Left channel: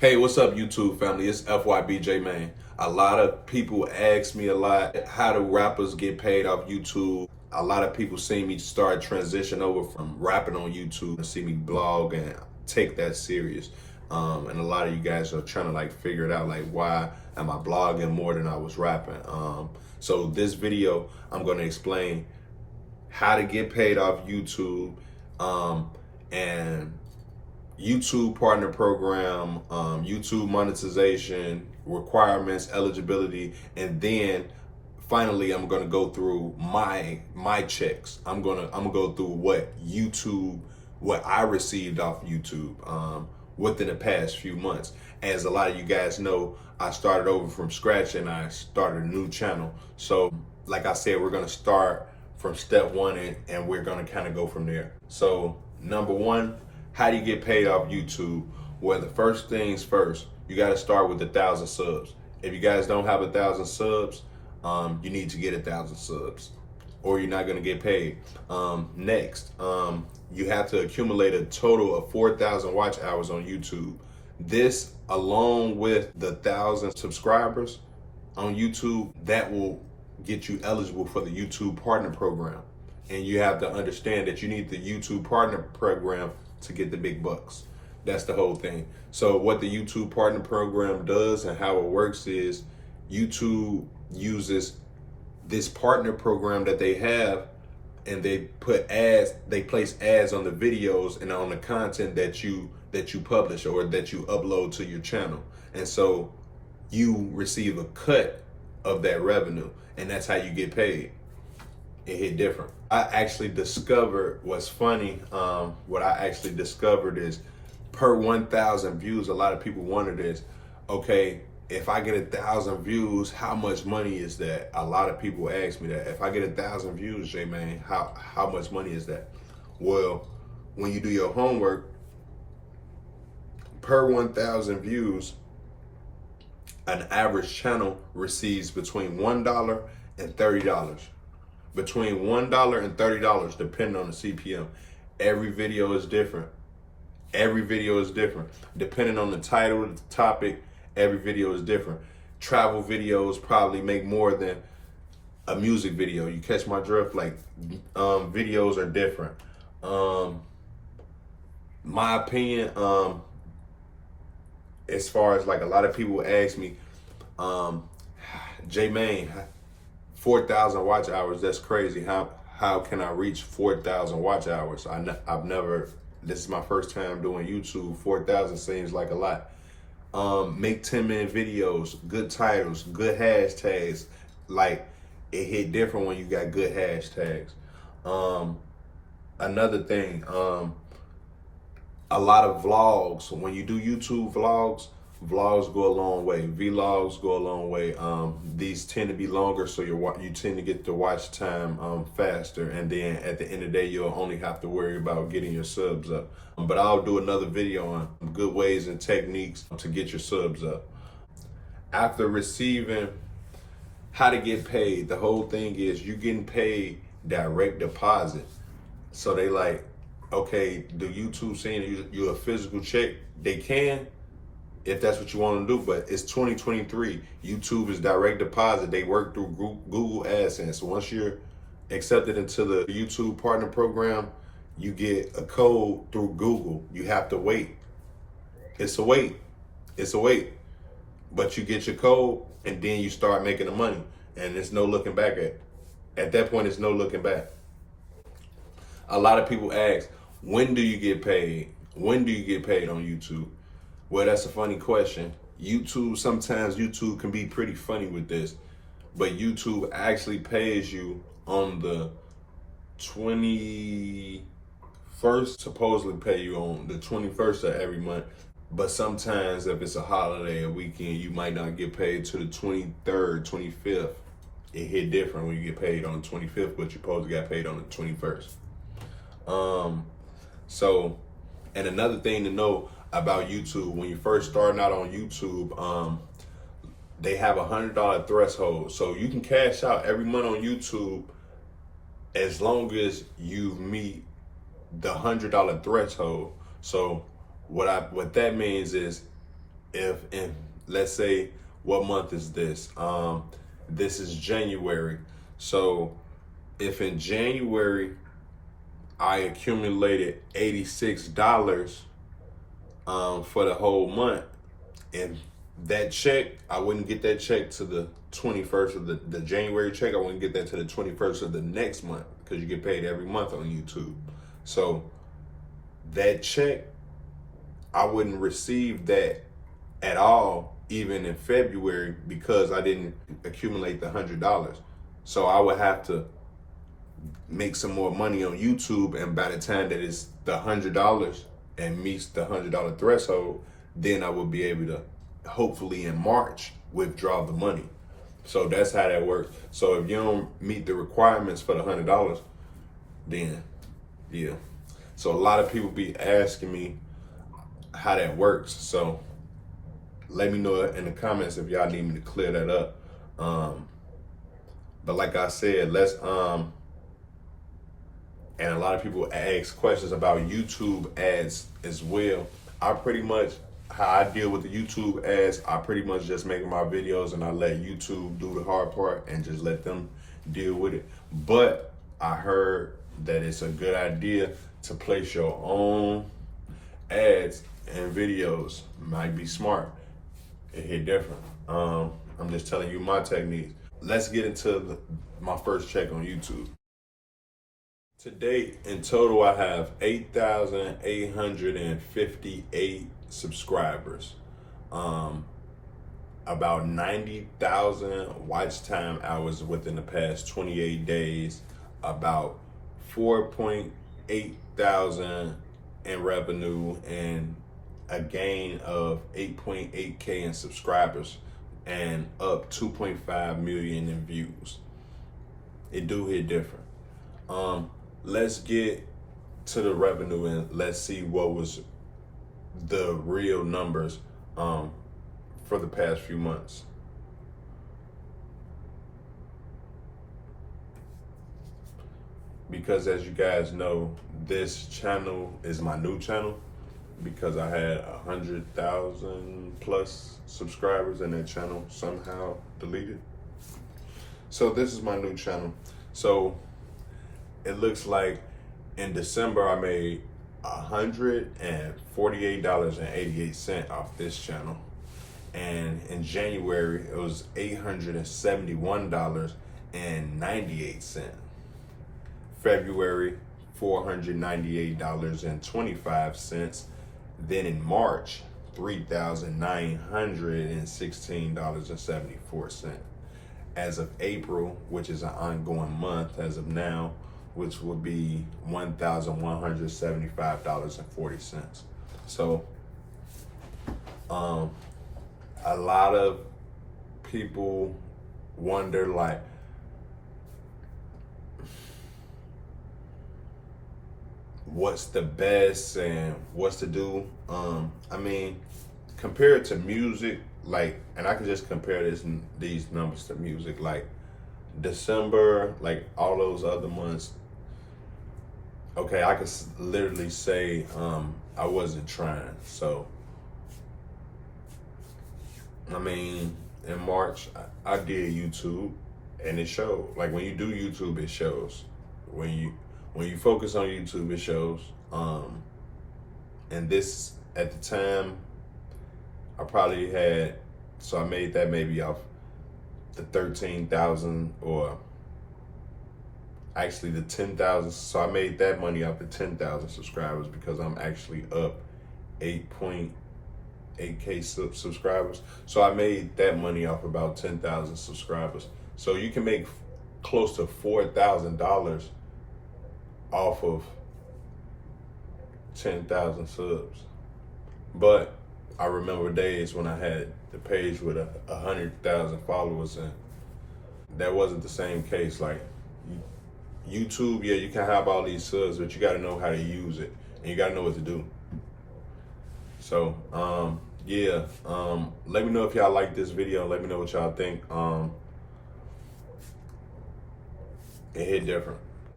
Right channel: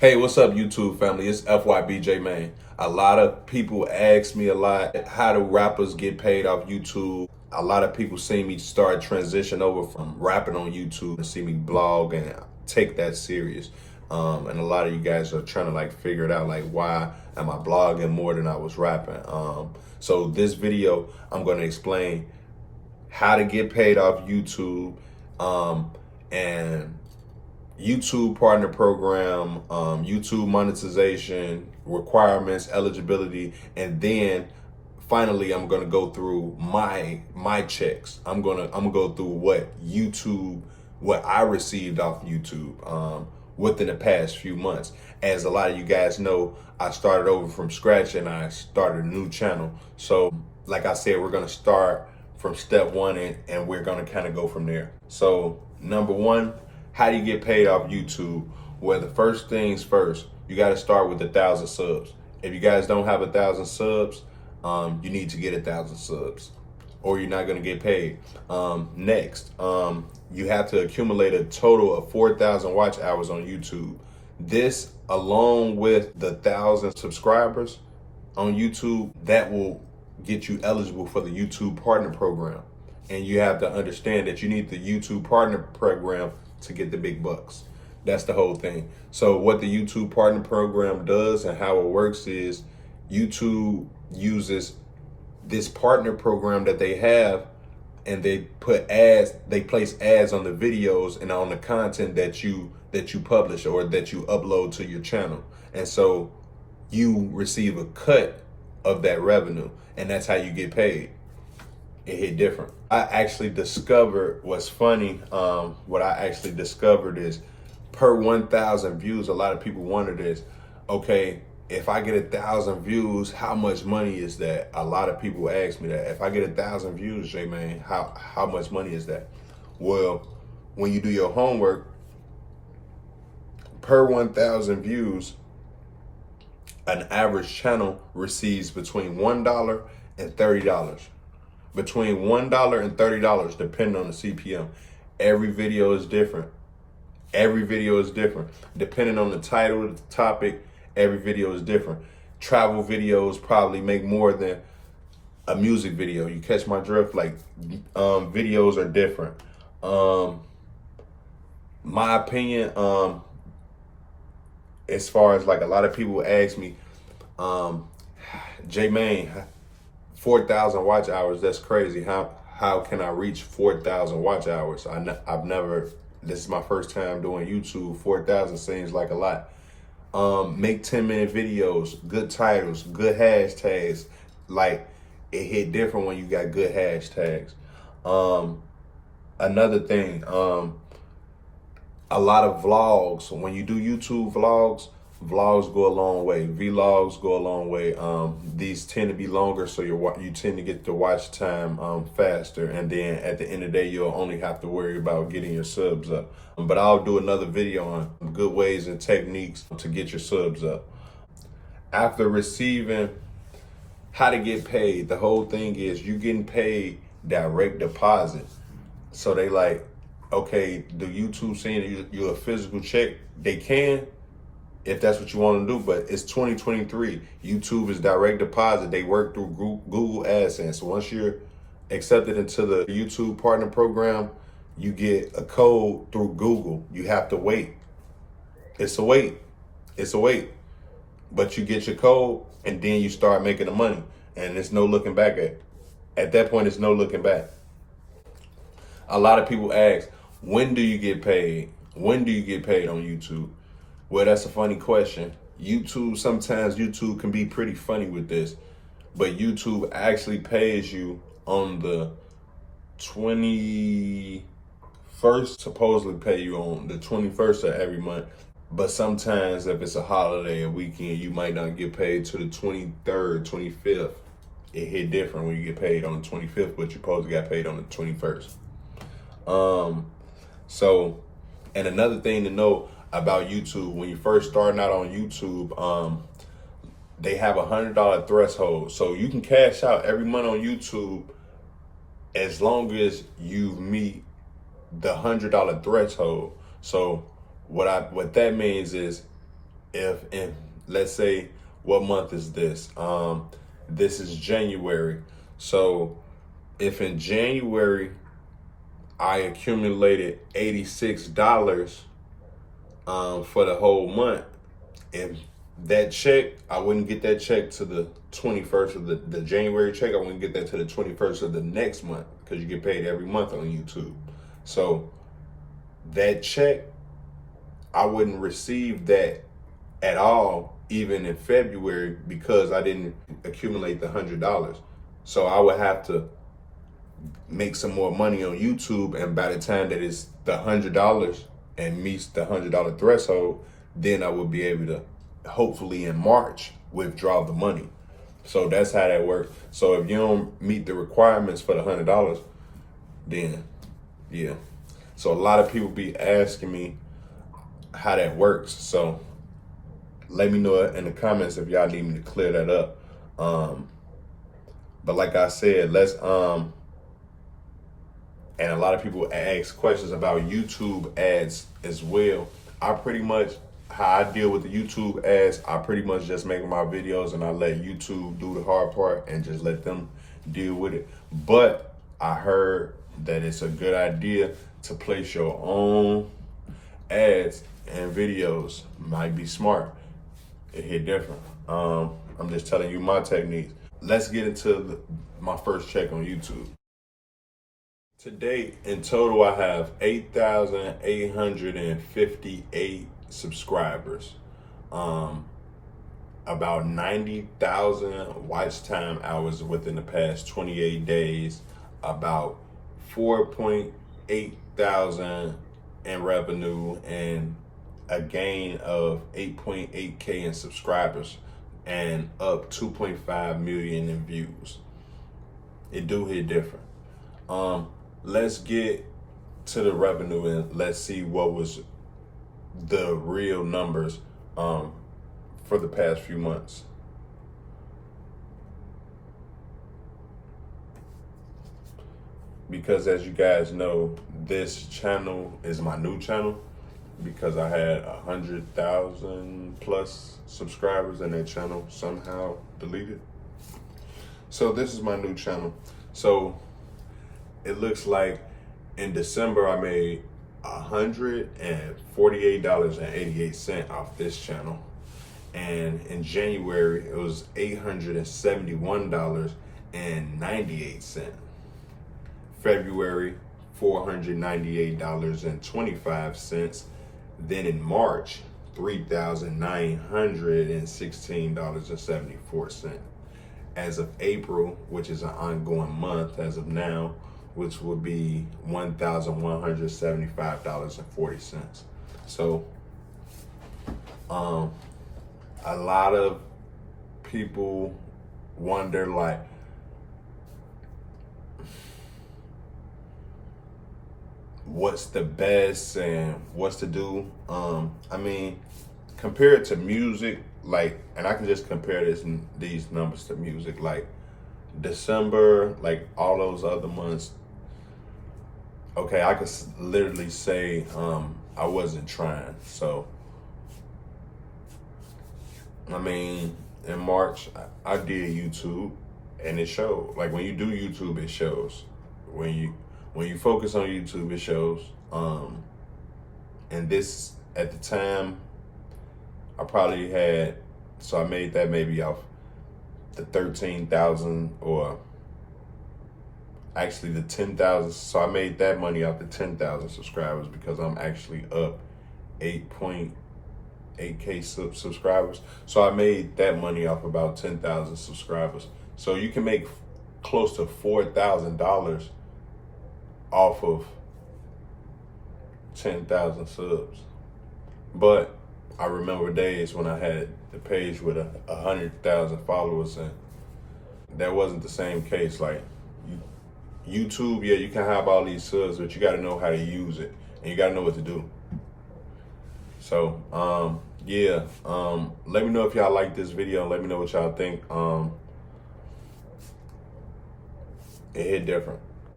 Hey, what's up, YouTube family? It's FYBJ, man. A lot of people ask me a lot, how do rappers get paid off YouTube? A lot of people see me start transition over from rapping on YouTube and see me blog and take that serious. And a lot of you guys are trying to figure it out, why am I blogging more than I was rapping? So this video, I'm going to explain how to get paid off YouTube, and YouTube partner program, YouTube monetization, requirements, eligibility, and then finally I'm gonna go through my checks. I'm gonna go through what I received off YouTube within the past few months. As a lot of you guys know, I started over from scratch and I started a new channel. So like I said, we're gonna start from step one and we're gonna kind of go from there. So number one, how do you get paid off YouTube? Well, the first things first, you got to start with 1,000 subs. If you guys don't have 1,000 subs, you need to get 1,000 subs or you're not going to get paid. Next, you have to accumulate a total of 4,000 watch hours on YouTube. This, along with the 1,000 subscribers on YouTube, that will get you eligible for the YouTube partner program. And you have to understand that you need the YouTube partner program to get the big bucks. That's the whole thing. So what the YouTube partner program does and how it works is YouTube uses this partner program that they have, and they put ads, they place ads on the videos and on the content that you publish or that you upload to your channel. And so you receive a cut of that revenue, and that's how you get paid. It hit different. I actually discovered what's funny. What I actually discovered is per 1,000 views, a lot of people wonder this. Okay, if I get 1,000 views, how much money is that? A lot of people ask me that. If I get 1,000 views, J-Man, how much money is that? Well, when you do your homework, per 1,000 views, an average channel receives between $1 and $30. Between $1 and $30, depending on the CPM. Every video is different. Every video is different. Depending on the title, the topic, every video is different. Travel videos probably make more than a music video. You catch my drift? Videos are different. My opinion, as far as a lot of people ask me, J-Man, 4,000 watch hours, that's crazy. How can I reach 4,000 watch hours? I've never, this is my first time doing YouTube. 4,000 seems like a lot. Make 10-minute videos, good titles, good hashtags. It hit different when you got good hashtags. Another thing, a lot of vlogs, when you do YouTube vlogs go a long way. Vlogs go a long way. These tend to be longer, so you tend to get the watch time faster. And then at the end of the day, you'll only have to worry about getting your subs up. But I'll do another video on good ways and techniques to get your subs up. After receiving how to get paid, the whole thing is you getting paid direct deposit. So they okay, do YouTube send you a physical check? They can, if that's what you want to do, but it's 2023. YouTube is direct deposit. They work through Google AdSense. So once you're accepted into the YouTube partner program, you get a code through Google. You have to wait. It's a wait. But you get your code and then you start making the money. And there's no looking back at that point, it's no looking back. A lot of people ask, when do you get paid? When do you get paid on YouTube? Well, that's a funny question. Sometimes YouTube can be pretty funny with this, but YouTube actually pays you on the 21st, supposedly pay you on the 21st of every month. But sometimes if it's a holiday and weekend, you might not get paid to the 23rd, 25th. It hit different when you get paid on the 25th, but you supposed to got paid on the 21st. And another thing to know about YouTube, when you're first starting out on YouTube, they have $100 threshold. So you can cash out every month on YouTube as long as you meet the $100 threshold. So what that means is if in, let's say, what month is this? This is January. So if in January I accumulated $86 for the whole month, and that check, I wouldn't get that check to the 21st of the January check. I wouldn't get that to the 21st of the next month, because you get paid every month on YouTube. So that check, I wouldn't receive that at all, even in February, because I didn't accumulate the $100. So I would have to make some more money on YouTube, and by the time that it's the $100 and meets the $100 threshold, then I would be able to, hopefully in March, withdraw the money. So that's how that works. So if you don't meet the requirements for the $100, then yeah. So a lot of people be asking me how that works. So let me know in the comments if y'all need me to clear that up. But like I said, let's and a lot of people ask questions about YouTube ads as well. I pretty much, how I deal with the YouTube ads, I pretty much just make my videos and I let YouTube do the hard part and just let them deal with it. But I heard that it's a good idea to place your own ads and videos. Might be smart. It hit different. I'm just telling you my techniques. Let's get into my first check on YouTube. Today, in total, I have 8,858 subscribers. About 90,000 watch time hours within the past 28 days. About 4.8 thousand in revenue, and a gain of 8.8K in subscribers, and up 2.5 million in views. It do hit different. Let's get to the revenue and let's see what was the real numbers for the past few months. Because as you guys know, this channel is my new channel, because I had 100,000 plus subscribers and that channel somehow deleted. So this is my new channel. So it looks like in December I made $148.88 off this channel. And in January it was $871.98. February, $498.25. Then in March, $3,916.74. As of April, which is an ongoing month as of now, which will be $1,175.40. So a lot of people wonder, like, what's the best and what's to do. I mean, compared to music, like, and I can just compare these numbers to music, like December, like all those other months, okay, I could literally say I wasn't trying. So I mean, in March I did YouTube, and it showed. Like, when you do YouTube, it shows. When you focus on YouTube, it shows. And this, at the time, I probably had, so I made that maybe off the 13,000, or actually the 10,000. So I made that money off the 10,000 subscribers, because I'm actually up 8.8K subscribers. So I made that money off about 10,000 subscribers. So you can make close to $4,000 off of 10,000 subs. But I remember days when I had the page with 100,000 followers, and that wasn't the same case. Like, YouTube, yeah, you can have all these subs, but you got to know how to use it, and you got to know what to do. So yeah, let me know if y'all like this video. Let me know what y'all think. It hit different.